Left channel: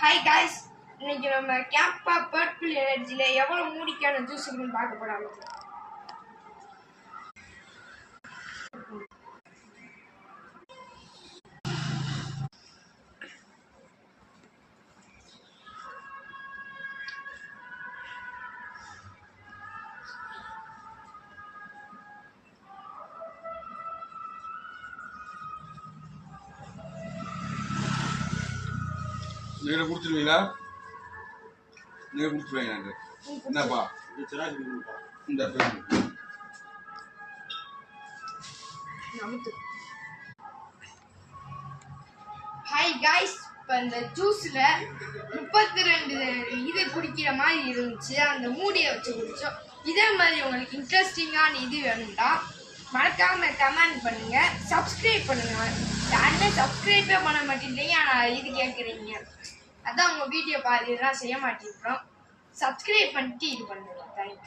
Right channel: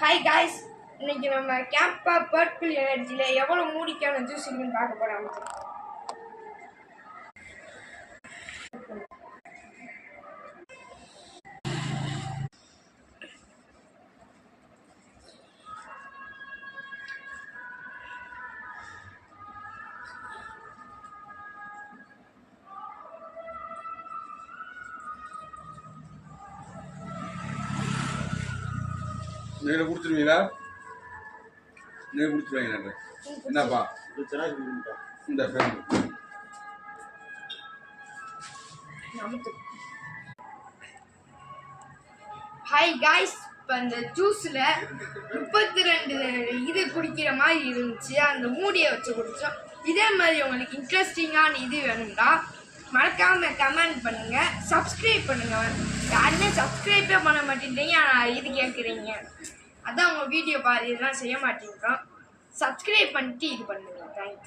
Hi guys, இன்னைக்கு நம்ம CAMPA purple எனர்ஜியில் எவ்வளோ மூடிக்கான ஜூஸ் இருக்குன்னு பார்க்க போகிறாங்க. நீங்க கொடுத்துருவீங்களா? நீங்க கொடுத்துருவீங்க. என்னப்பா இந்த ஹாய் காய்ஸ், இப்போ இந்த ஜூஸில் 32 இது குடிக்கிற மாதிரி இருந்துச்சு. அந்த மூடியை வச்சு குடித்தோம். இதே மாதிரி உங்களுக்கு இன்ட்ரெஸ்டிங்கான இது வேணும்னா மறக்காம கமெண்ட் பண்ணுங்க, சப்ஸ்கிரைப் பண்ணுங்க. யாருமே சப்ஸ்கிரைபே பண்ண மாட்டேங்கிறீங்க, ஆனால் இது கேட்குறீங்க. அதான் உங்கள் வீடியோ பாதி இதெல்லாம் செய்ய மாட்டேங்கிறோம். சப்ஸ்கிரைப் பண்ணிட்டு இது பண்ணுங்க. தேங்க்ஸ்.